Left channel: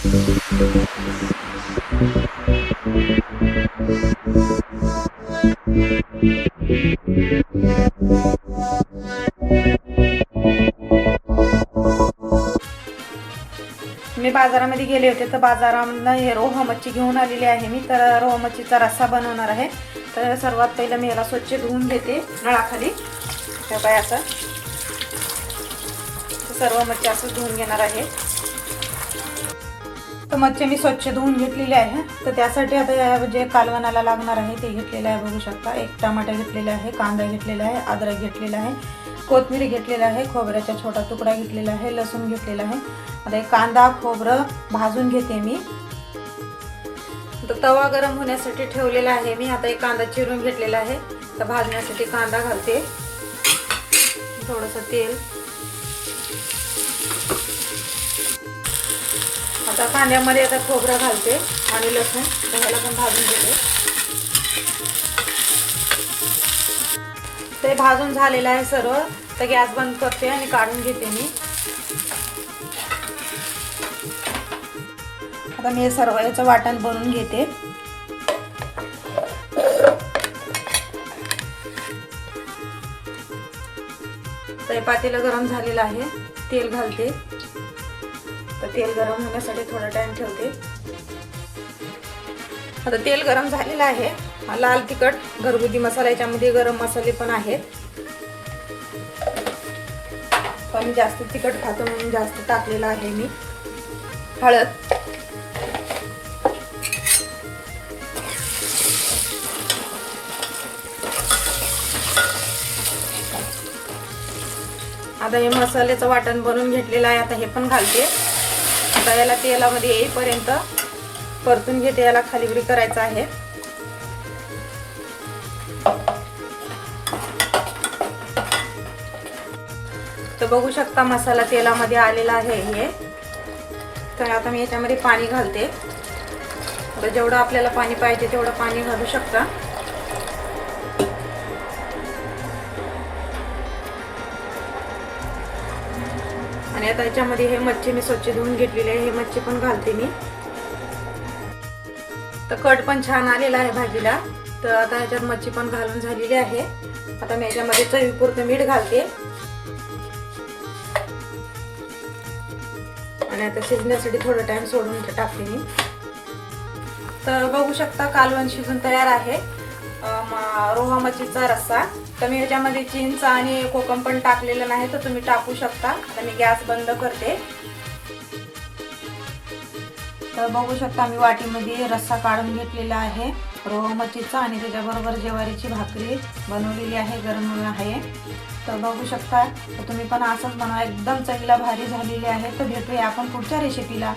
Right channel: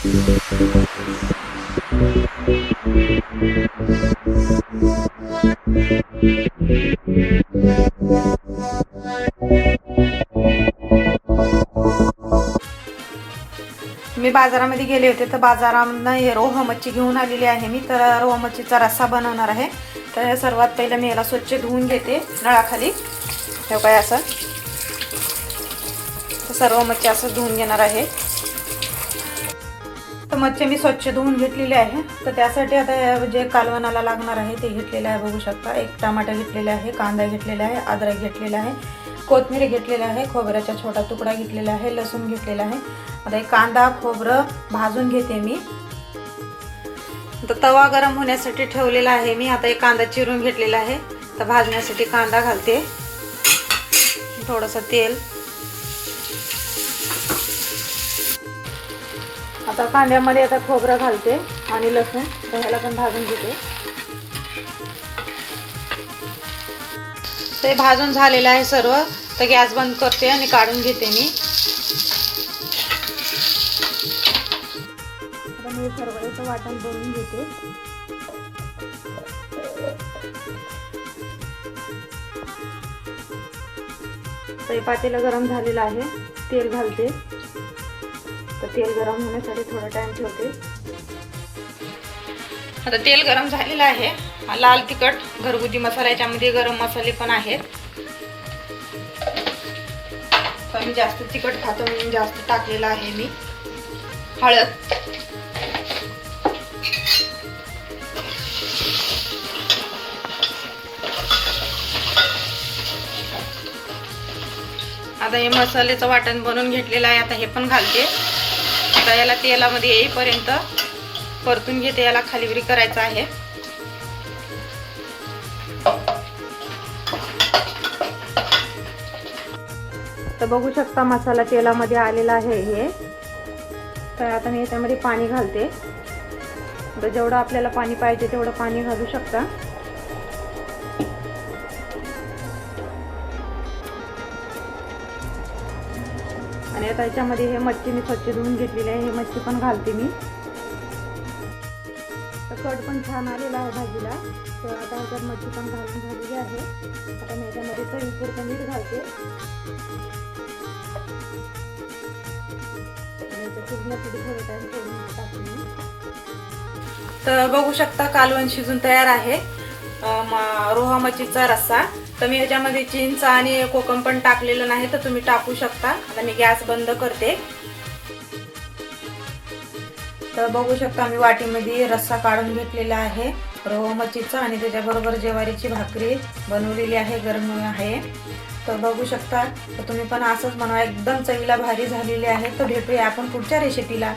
मी बाजारामध्ये गेले होते तर बाजारामधून हे रोह मच्छी घेऊन आलेली आहे मी. तर रोह मच्छीचा रस्सा बनवणार आहे. तर सर्वात पहिले मी याला स्वच्छ धुवून घेते नळाखाली. हे काय असं सर्व मच्छी असं धुवून घेणार आहे. तर मच्छी मी स्वच्छ धुवून घेतलेली आहे. तर त्यासाठी आता जे कालवणाला लागणार आहे ते घेतलेलं आहे. बघू शकता, एक टमाटा घेतलेला आहे, कांदा घेतलेला आहे, अद्रक घेतलेला आहे, कोथिंबीर घेतलेला आहे, खोबऱ्याचा छोटा तुकडा घेतलेला आहे, लसूण घेतलेला आहे. आता हे कांदा खोबरं भाजून घेते मी. तर तवा गरम होण्यासाठी ठेवलेला आहे मी. आता एक कांदा चिरून घेतलेला आहे. तर भाजण्यासाठी कांदा घालते, थोडंसं तेल. आता कांद्यामध्ये आता खोबरं घालते आणि लसूण, ह्याला पण भाजून घेते. ते भाजून झालेलं आहे सर्व. तर गॅस बंद करते आणि काढून घेते मी. आता मी सर्व याचं वाटण बनवून घेते. तर पातेलं गरम झालेलं आहे, तेल घालते. तर तेल गरम होण्यासाठी थोडा टाइम ठेवते. आता तेल गरम झालेलं आहे. लाल तिखट घरगुती मसाला, याच्यामध्ये गरम मसाले पण आहेत. तर मी जास्त तिखट खातो म्हणून जास्त टाकलेला आहे मी. हळद, आता हे मसाल्याचं वाटण बनवून घेतलेलं आहे. आता हे पण घालते. आता याला तेलामध्ये येईपर्यंत परतून घेते. याला खालीवरी करायचं आहे. तर बघू शकता मसाला तेलामध्ये आलेला आहे हे. तर आता मी याच्यामध्ये पाणी घालते. तर जेवढं आपल्याला पाणी पाहिजे तेवढं पाणी घालू शकता. आणि आता याच्यामध्ये हे मच्छी मी स्वच्छ धुवून घेतलेली आहे. हे मच्छी पण घालते मी. तर कट पण छान आलेला आहे भाजीला. तर आता ह्याच्यात मच्छी पण घालून झालेली आहे. आता मी याच्यामध्ये चवीपुरतं मीठ घालते आणि आता शिजण्यासाठी थोडा टाइम सोडून टाकते मी. तर बघू शकता कालवण शिजून तयार आहे. रोहा मच्छीचा रस्सा. तर मी याच्यामध्ये चिंच आणि कोकम पण टाकलेलं नाही, तर तुम्ही टाकू शकता. आता मी गॅस बंद करते. तर बघू शकता मी वाटीमध्ये रस्सा काढून घेतलेला आहे रोहा मच्छीचा आणि त्याच्याबरोबर ज्वारीची भाकरी बनवलेली आहे, गरम आहे. तर बघू शकता. तर तुम्ही पण असंच बनवा, एकदम चवीला भारी झालेली आहे. तर भेटूया आपण पुढच्या रेसिपीला.